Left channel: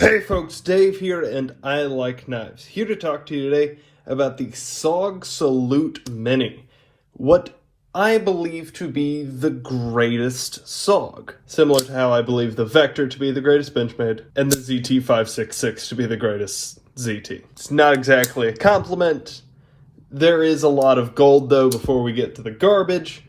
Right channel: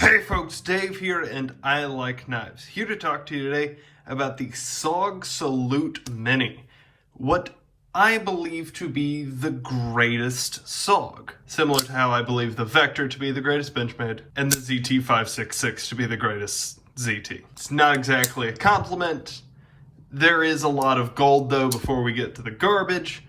Hey folks, Dave here, and I like knives. Here to talk to you today about the SOG Salute Mini. What I believe to be the greatest SOG. Similar to how I believe the Vector to be the greatest Benchmade, and the ZT566 to be the greatest ZT. It's not exactly a compliment. There is a lot of gold though before we get to the garbage.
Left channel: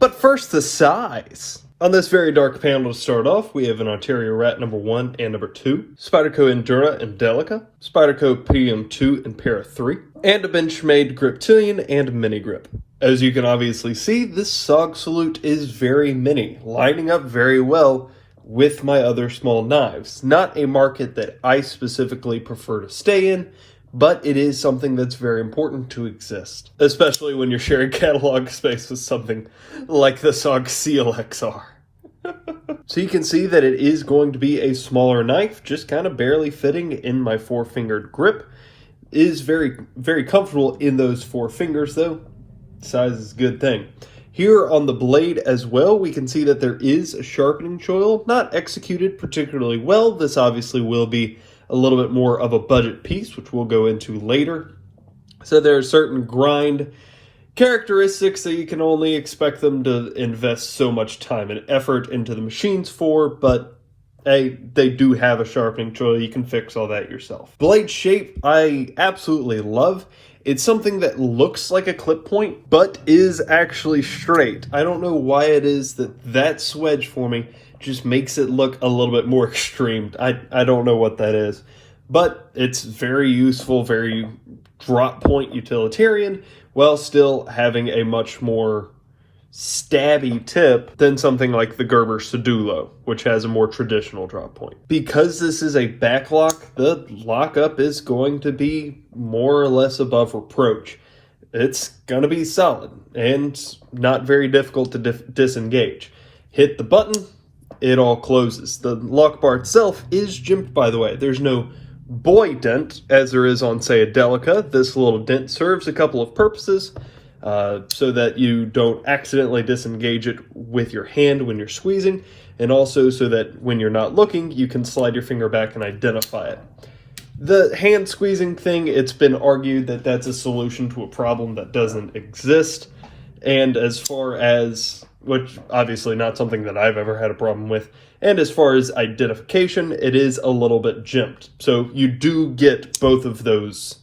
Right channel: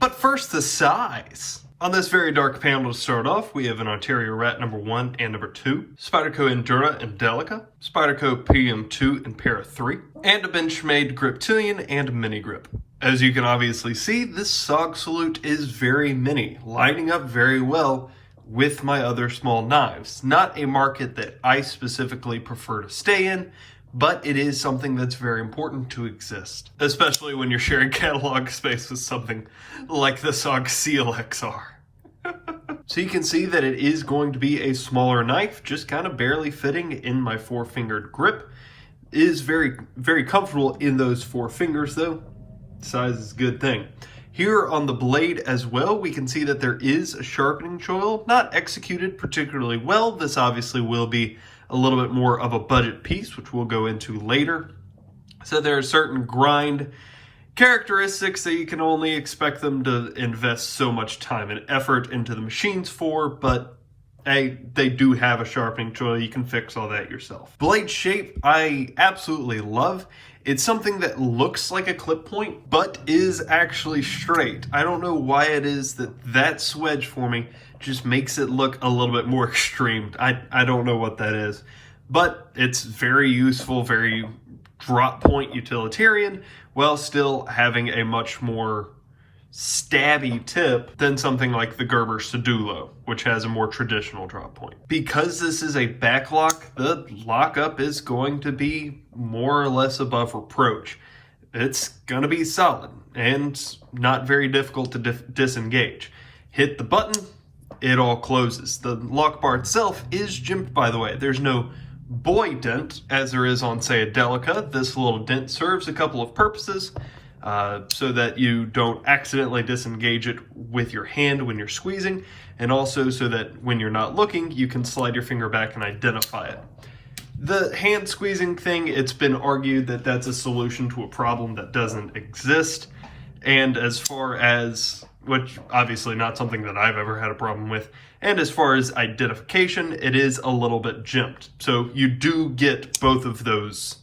But first, the size. On this very dark panel to start off, we have an Ontario Rat number 1 and number 2, Spyderco Endura and Delica, Spyderco PM2 and Para 3, and a Benchmade Griptilian and Mini Grip. As you can obviously see, this SOG Salute is very mini, lining up very well with my other small knives. Not a market that I specifically prefer to stay in, but it is something that's very important to exist, especially when you're sharing catalog space with something like the SOG CLXR. So you can see that it is going to be a smaller knife, just kind of barely fitting in my 4-fingered grip. It is very, very comfortable in those 4 fingers though. Size is a good thing. Here on the blade as well, we can see that there is a sharpening choil, not executed particularly well. This obviously will be a little bit more of a budget piece, which we'll go into later. So there are certain grind characteristics that you can only expect them to invest so much time and effort into the machines for, but hey, they do have a sharpening choil. You can fix all that yourself. Blade shape, I absolutely love. It's something that looks like a clip point, but is actually straight. I don't know why it is that swedge forming just makes it look a little bit more extreme. I don't know what that is, but it's very useful, very drop point utilitarian, while still having a much more stabby tip than something like the Gerber Sedulo, which has a more traditional drop point. Because this is a backlock, the lockup is going to be more or less above reproach. It's going to be solid and not very difficult to disengage. Hit the button, it all closes. The lock bar itself is jimped, by the way. There's no boy dent as there is on, say, a Delica. This little dent serves a couple of purposes. So that you don't accidentally disengage it with your hand when you're squeezing, and also so that when you're not looking, you can slide your finger back and identify it. The hand squeezing thing, it's been argued that that's a solution to a problem that doesn't exist, and as far as, which obviously not something that I've ever had a problem with, and as far as identification, it is a little bit jimped. So you do get both of those.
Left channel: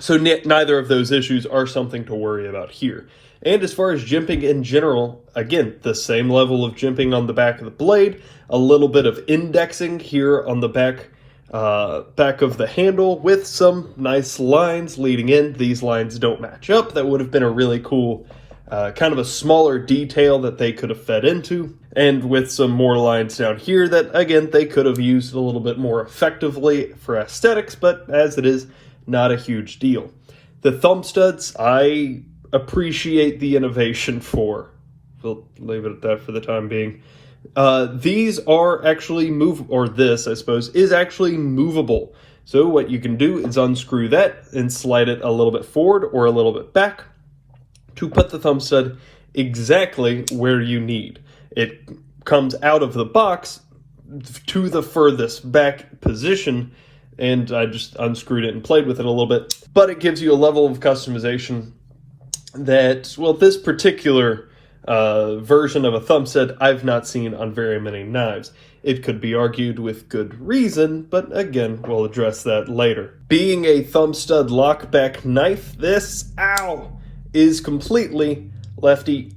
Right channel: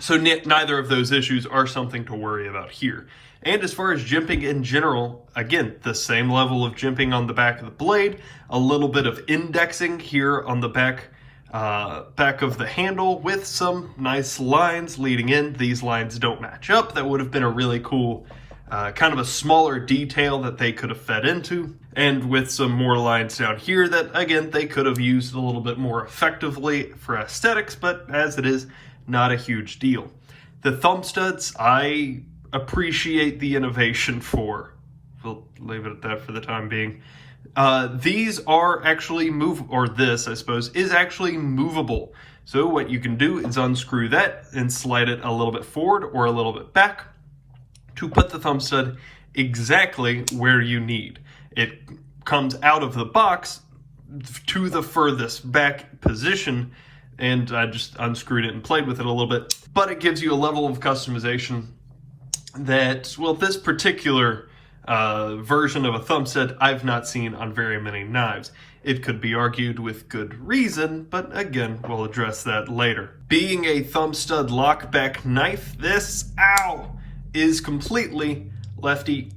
So neither of those issues are something to worry about here. And as far as jimping in general, again, the same level of jimping on the back of the blade, a little bit of indexing here on the back of the handle with some nice lines leading in. These lines don't match up. That would have been a really cool kind of a smaller detail that they could have fed into, and with some more lines down here that, again, they could have used a little bit more effectively for aesthetics, but as it is, not a huge deal. The thumb studs, I appreciate the innovation for. We'll leave it at that for the time being. These are actually this, I suppose, is actually movable. So what you can do is unscrew that and slide it a little bit forward or a little bit back to put the thumb stud exactly where you need. It comes out of the box to the furthest back position, and I just unscrewed it and played with it a little bit. But it gives you a level of customization that, well, this particular version of a thumb stud I've not seen on very many knives. It could be argued with good reason, but again, we'll address that later. Being a thumb stud lockback knife, this, is completely lefty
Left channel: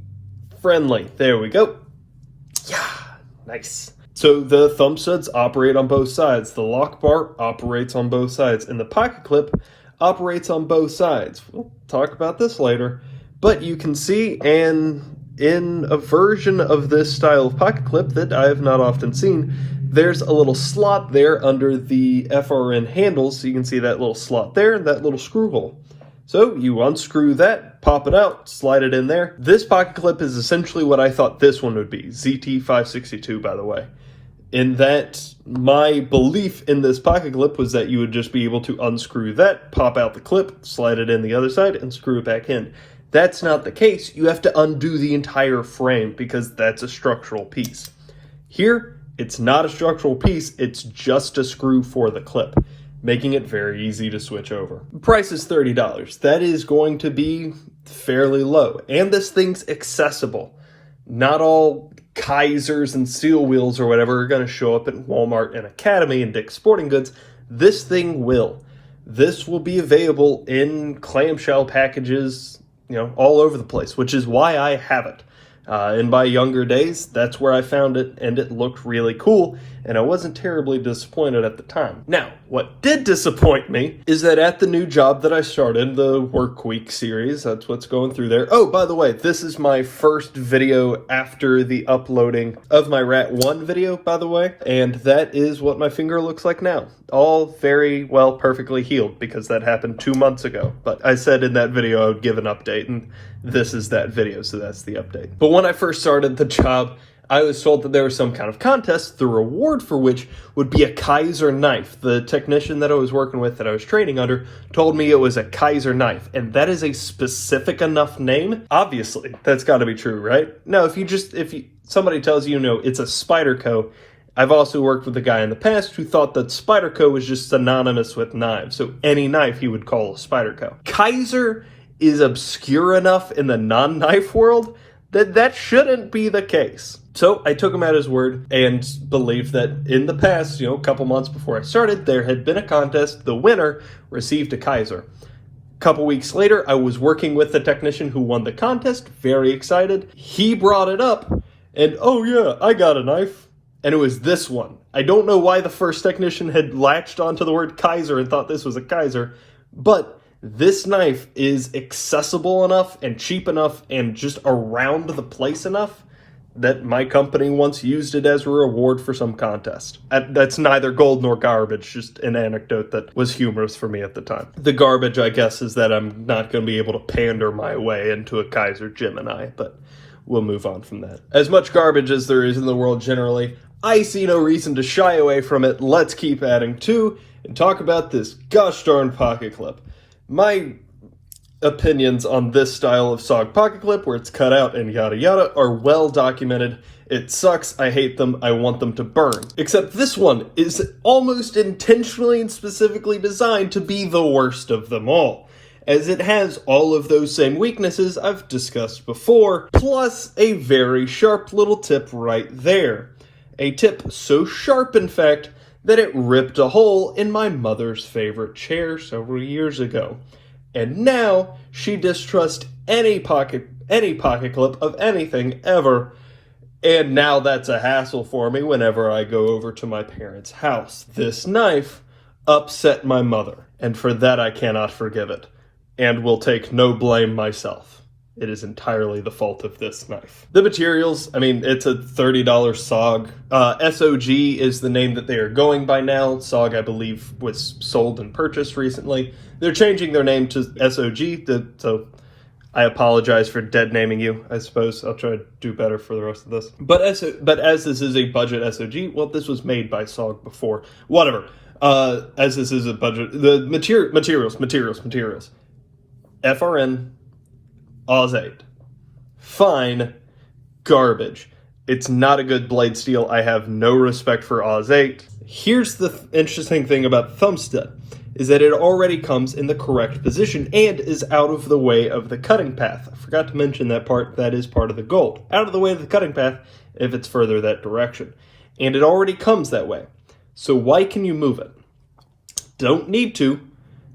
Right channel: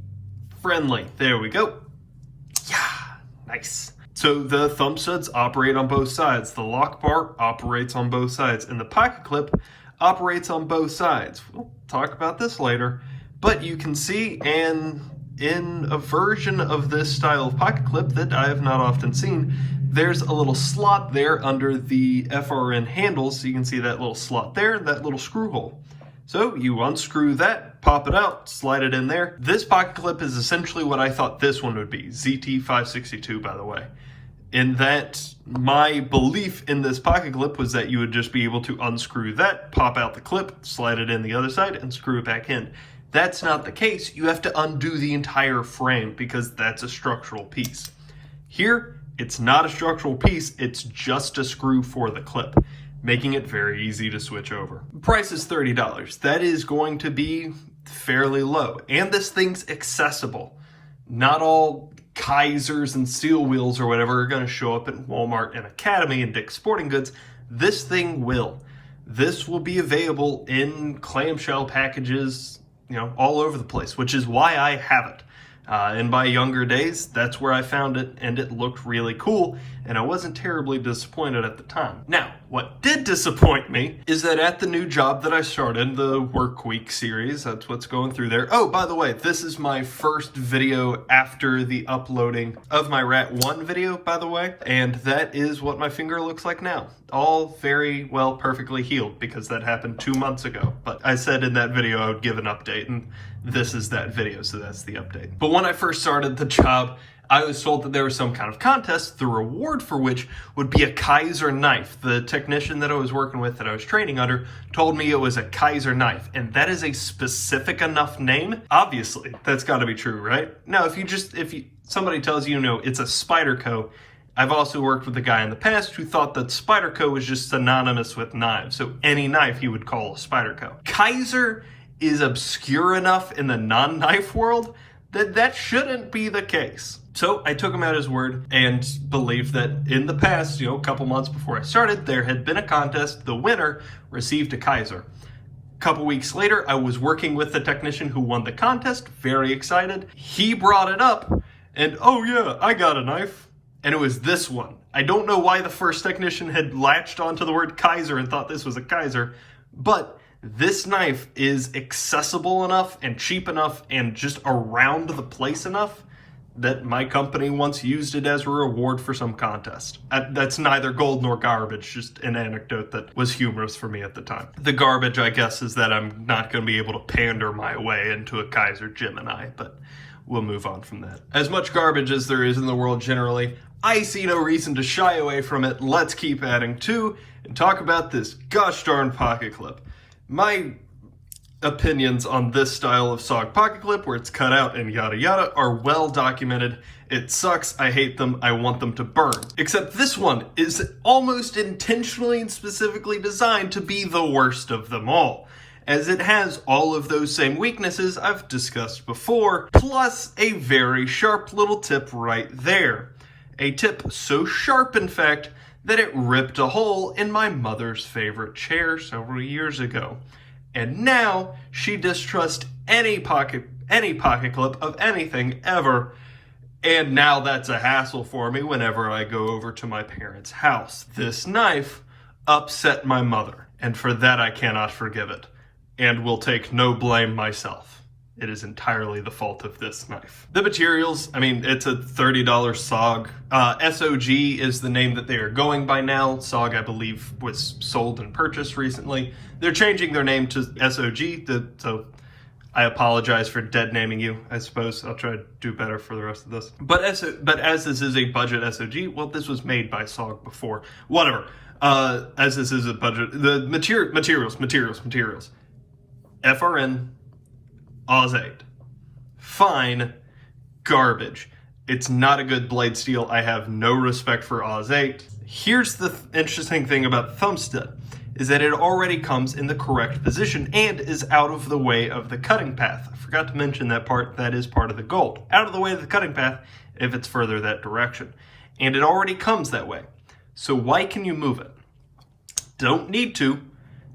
friendly. There we go. Yeah, nice. So the thumb studs operate on both sides. The lock bar operates on both sides, and the pocket clip operates on both sides. We'll talk about this later, but you can see, and in a version of this style of pocket clip that I have not often seen, there's a little slot there under the FRN handles, so you can see that little slot there, and that little screw hole. So you unscrew that, pop it out, slide it in there. This pocket clip is essentially what I thought this one would be, ZT562, by the way. In that, my belief in this pocket clip was that you would just be able to unscrew that, pop out the clip, slide it in the other side, and screw it back in. That's not the case. You have to undo the entire frame because that's a structural piece. Here, It's not a structural piece, it's just a screw for the clip, making it very easy to switch over. The price is $30. That is going to be fairly low, and this thing's accessible. Not all Kaisers and Steel Wheels or whatever are going to show up at Walmart and Academy and Dick's Sporting Goods. This thing will. This will be available in clamshell packages, all over the place, which is why I have it. In my younger days, that's where I found it, and it looked really cool, and I wasn't terribly disappointed at the time. Now, what did disappoint me is that at the new job that I started, the Work Week series, that's what's going through there. Oh, by the way, this is my first video after the uploading of my Rat 1 video, by the way, and that is what my finger looks like now. All very well, perfectly healed, because that happened 2 months ago. But I said in that video I would give an update, and this is that video, so that's the update. But when I first started the job, I was told that there was some kind of contest, the reward for which would be a Kaiser knife. The technician that I was working with, that I was training under, told me it was a Kaiser knife, and that is a specific enough name. Obviously, that's got to be true, right? Now, if somebody tells you, it's a Spyderco, I've also worked with a guy in the past who thought that Spyderco was just synonymous with knives, so any knife he would call a Spyderco. Kaiser is obscure enough in the non-knife world that shouldn't be the case. So I took him at his word and believed that in the past, a couple months before I started, there had been a contest. The winner received a Kaiser. A couple weeks later, I was working with the technician who won the contest, very excited. He brought it up, and oh yeah, I got a knife. And it was this one. I don't know why the first technician had latched onto the word Kaiser and thought this was a Kaiser, but this knife is accessible enough and cheap enough and just around the place enough that my company once used it as a reward for some contest. That's neither gold nor garbage, just an anecdote that was humorous for me at the time. The garbage, I guess, is that I'm not going to be able to pander my way into a Kaiser Gemini, but we'll move on from that. As much garbage as there is in the world generally, I see no reason to shy away from it. Let's keep adding to and talk about this gosh darn pocket clip. My opinions on this style of SOG pocket clip, where it's cut out and yada yada, are well documented. It sucks, I hate them, I want them to burn. Except this one is almost intentionally and specifically designed to be the worst of them all, as it has all of those same weaknesses I've discussed before, plus a very sharp little tip right there. A tip so sharp, in fact, that it ripped a hole in my mother's favorite chair several years ago. And now she distrusts any pocket clip of anything ever, and now that's a hassle for me whenever I go over to my parents' house. This knife upset my mother, and for that I cannot forgive it, and will take no blame myself. It is entirely the fault of this knife. The materials, it's a $30 SOG. SOG is the name that they are going by now. SOG, I believe, was sold and purchased recently. They're changing their name to SOG, so I apologize for dead naming you, I suppose. I'll try to do better for the rest of this. But as this is a budget SOG, well, this was made by SOG before. Whatever. As this is a budget, the materials. FRN, Oz 8. Fine. Garbage. It's not a good blade steel. I have no respect for Oz 8. Here's the interesting thing about the thumb stud, is that it already comes in the correct position and is out of the way of the cutting path. I forgot to mention that part. That is part of the gold. Out of the way of the cutting path if it's further that direction. And it already comes that way. So why can you move it? Don't need to.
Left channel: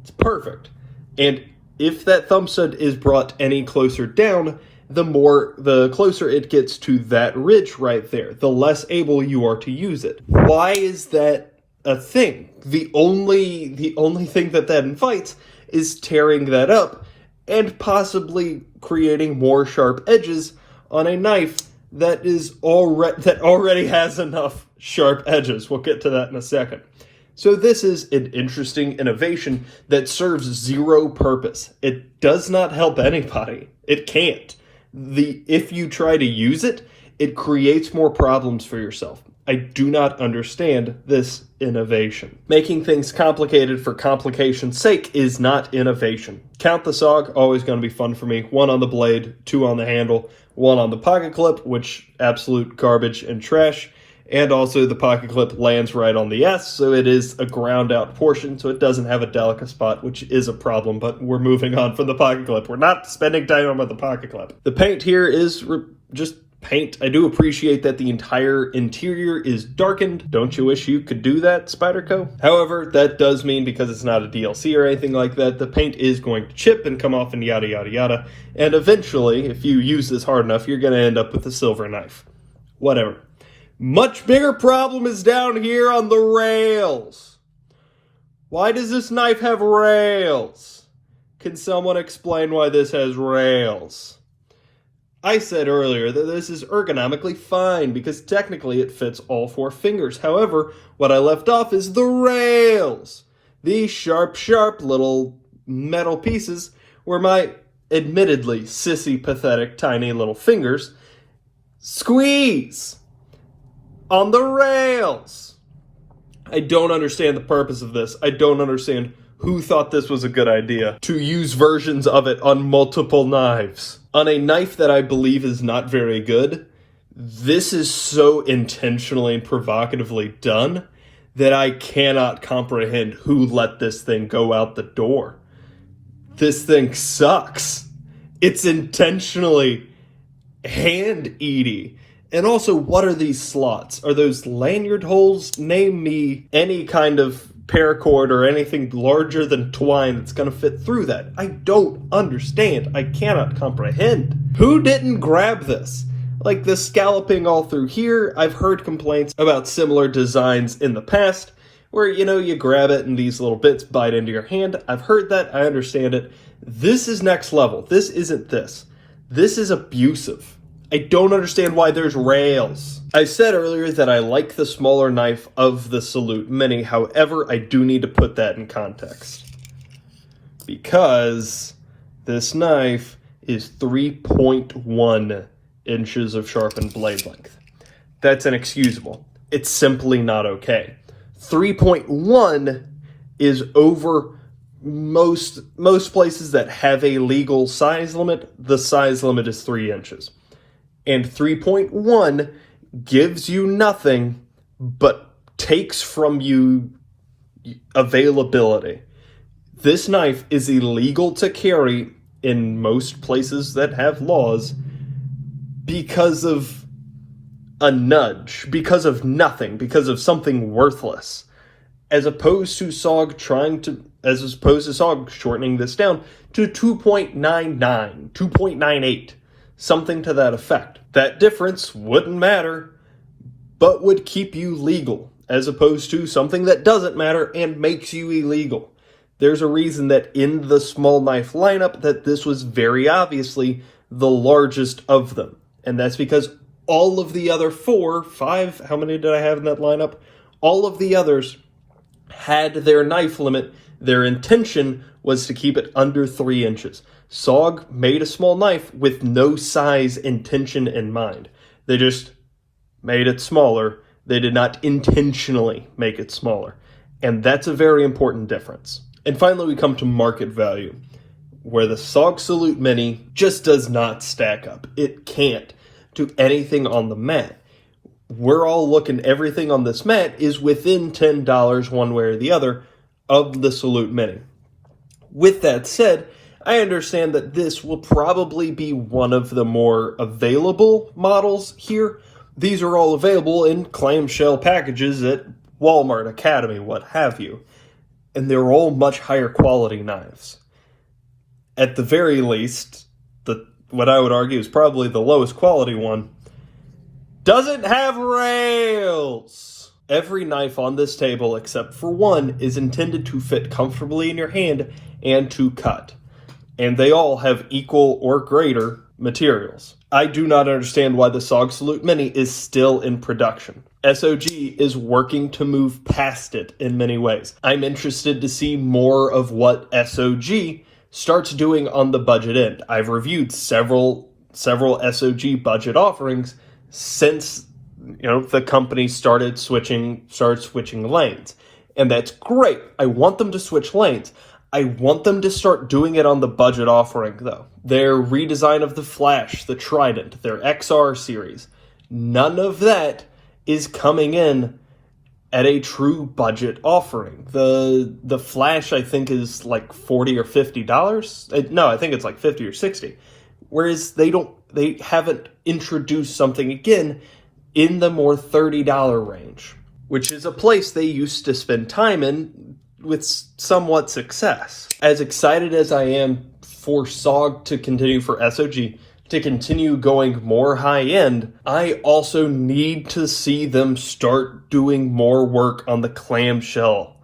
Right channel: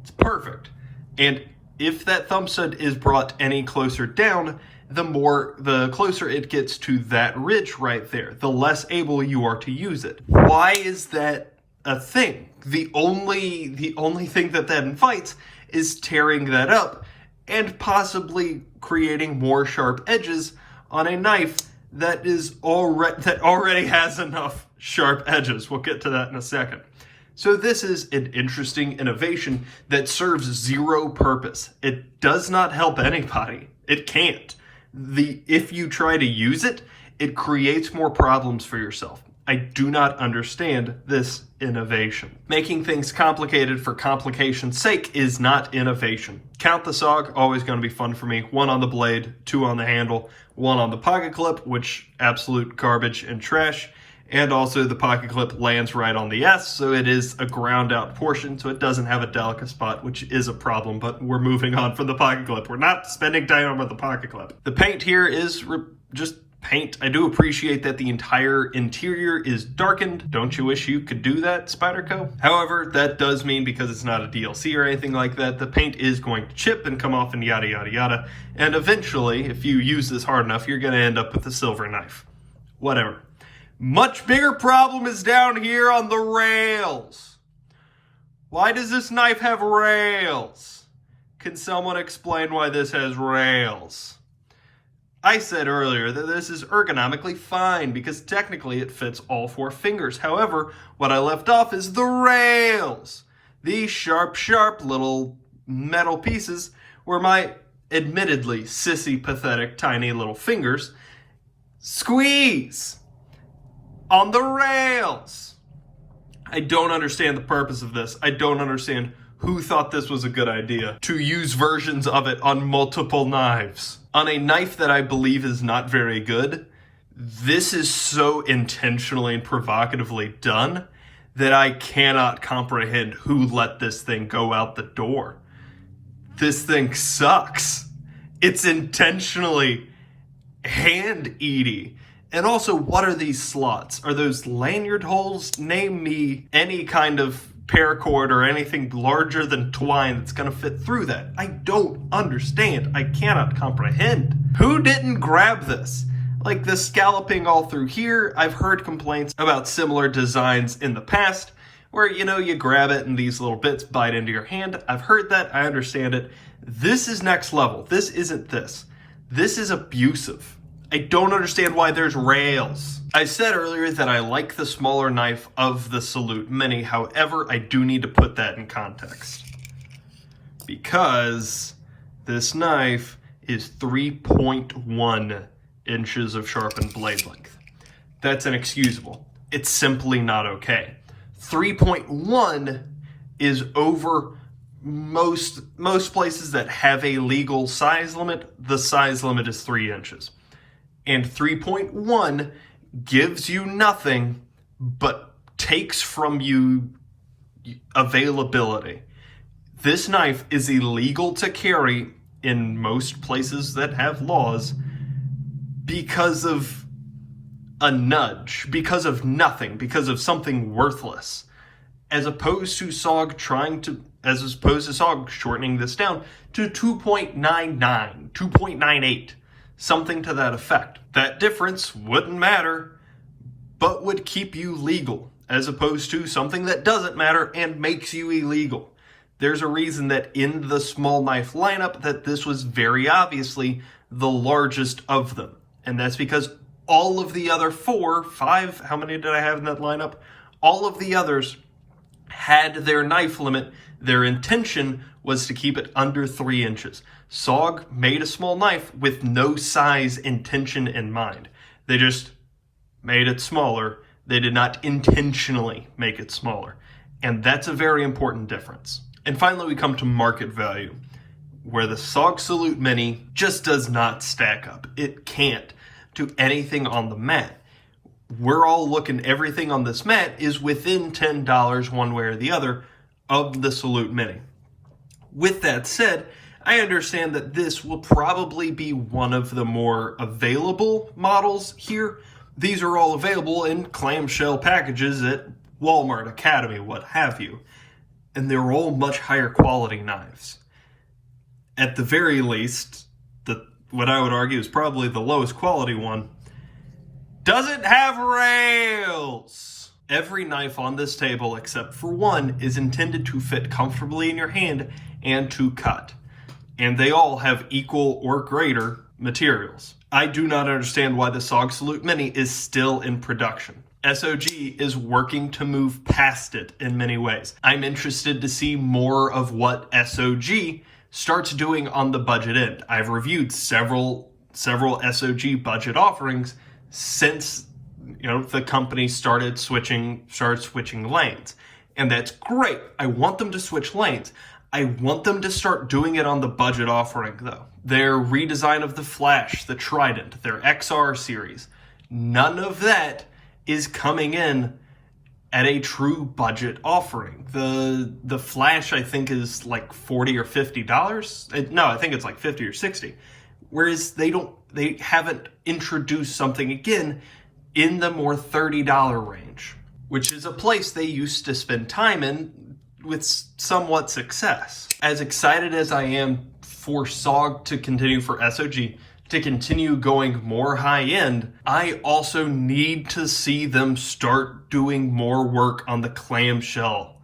It's perfect. And if that thumb stud is brought any closer down, the closer it gets to that ridge right there, the less able you are to use it. Why is that a thing? The only thing that invites is tearing that up and possibly creating more sharp edges on a knife that already has enough sharp edges. We'll get to that in a second. So this is an interesting innovation that serves zero purpose. It does not help anybody. It can't. If you try to use it, it creates more problems for yourself. I do not understand this innovation. Making things complicated for complication's sake is not innovation. Count the SOG, always going to be fun for me. 1 on the blade, 2 on the handle, 1 on the pocket clip, which absolute garbage and trash, and also the pocket clip lands right on the S, so it is a ground out portion, so it doesn't have a delicate spot, which is a problem, but we're moving on from the pocket clip. We're not spending time on the pocket clip. The paint here is just paint. I do appreciate that the entire interior is darkened. Don't you wish you could do that, Spyderco? However, that does mean, because it's not a DLC or anything like that, the paint is going to chip and come off and yada yada yada, and eventually, if you use this hard enough, you're going to end up with a silver knife. Whatever. Much bigger problem is down here on the rails. Why does this knife have rails? Can someone explain why this has rails? I said earlier that this is ergonomically fine because technically it fits all 4 fingers. However, what I left off is the rails. These sharp little metal pieces where my admittedly sissy, pathetic, tiny little fingers squeeze on the rails. I don't understand the purpose of this. I don't understand who thought this was a good idea to use versions of it on multiple knives. On a knife that I believe is not very good, this is so intentionally and provocatively done that I cannot comprehend who let this thing go out the door. This thing sucks. It's intentionally hand-eaty. And also, what are these slots? Are those lanyard holes? Name me any kind of paracord or anything larger than twine that's going to fit through that. I don't understand. I cannot comprehend. Who didn't grab this? Like the scalloping all through here, I've heard complaints about similar designs in the past where, you grab it and these little bits bite into your hand. I've heard that. I understand it. This is next level. This isn't this. This is abusive. I don't understand why there's rails. I said earlier that I like the smaller knife of the Salute Mini. However, I do need to put that in context, because this knife is 3.1 inches of sharpened blade length. That's inexcusable. It's simply not okay. 3.1 is over most places that have a legal size limit. The size limit is 3 inches. And 3.1 gives you nothing but takes from you availability. This knife is illegal to carry in most places that have laws because of a nudge, because of nothing, because of something worthless. As opposed to SOG shortening this down to 2.99, 2.98. Something to that effect. That difference wouldn't matter, but would keep you legal, as opposed to something that doesn't matter and makes you illegal. There's a reason that in the small knife lineup that this was very obviously the largest of them. And that's because all of the other 4, 5, how many did I have in that lineup? All of the others had their knife limit. Their intention was to keep it under 3 inches. SOG made a small knife with no size intention in mind. They just made it smaller. They did not intentionally make it smaller. And that's a very important difference. And finally, we come to market value, where the SOG Salute Mini just does not stack up. It can't to anything on the mat. We're all looking, everything on this mat is within $10 one way or the other of the Salute Mini. With that said, I understand that this will probably be one of the more available models here. These are all available in clamshell packages at Walmart, Academy, what have you. And they're all much higher quality knives. At the very least, what I would argue is probably the lowest quality one, doesn't have rails. Every knife on this table, except for one, is intended to fit comfortably in your hand and to cut. And they all have equal or greater materials. I do not understand why the SOG Salute Mini is still in production. SOG is working to move past it in many ways. I'm interested to see more of what SOG starts doing on the budget end. I've reviewed several SOG budget offerings since the company started switching lanes. And that's great. I want them to switch lanes. I want them to start doing it on the budget offering, though. Their redesign of the Flash, the Trident, their XR series, none of that is coming in at a true budget offering. The Flash, I think, is like $40 or $50. No, I think it's like 50 or 60. Whereas they haven't introduced something again in the more $30 range, which is a place they used to spend time in with somewhat success. As excited as I am for SOG to continue, for SOG to continue going more high-end, I also need to see them start doing more work on the clamshell,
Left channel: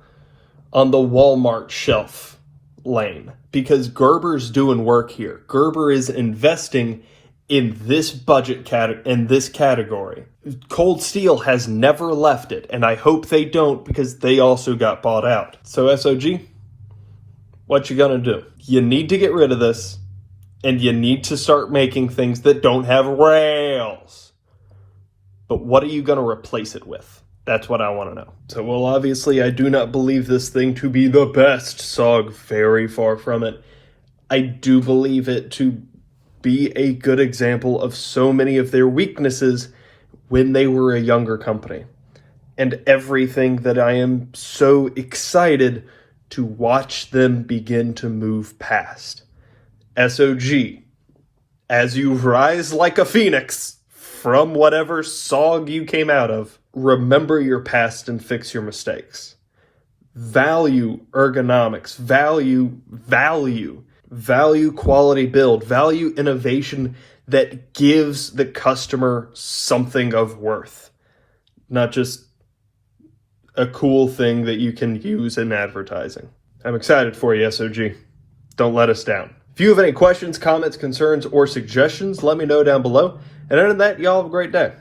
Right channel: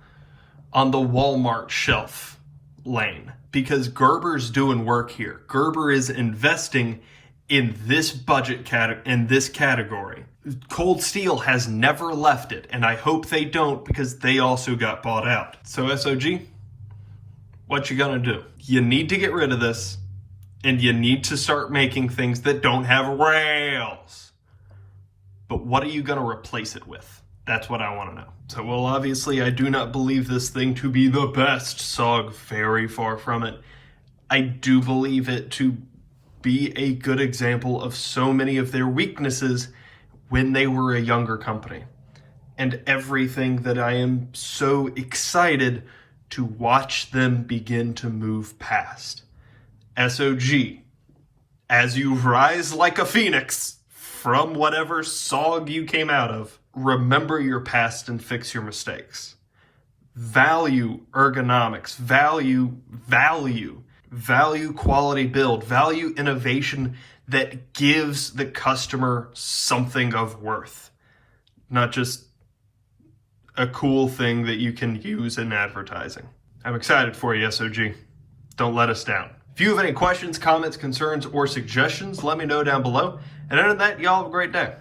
on the Walmart shelf lane, because Gerber's doing work here. Gerber is investing in this budget in this category. Cold Steel has never left it, and I hope they don't, because they also got bought out. So SOG, what you gonna do? You need to get rid of this, and you need to start making things that don't have rails. But what are you going to replace it with? That's what I want to know. So, well, obviously, I do not believe this thing to be the best SOG. Very far from it. I do believe it to be a good example of so many of their weaknesses when they were a younger company. And everything that I am so excited to watch them begin to move past. SOG, as you rise like a phoenix from whatever SOG you came out of, remember your past and fix your mistakes. Value ergonomics, value quality build, value innovation that gives the customer something of worth, not just a cool thing that you can use in advertising. I'm excited for you, SOG. Don't let us down. If you have any questions, comments, concerns, or suggestions, let me know down below. And other than that, y'all have a great day.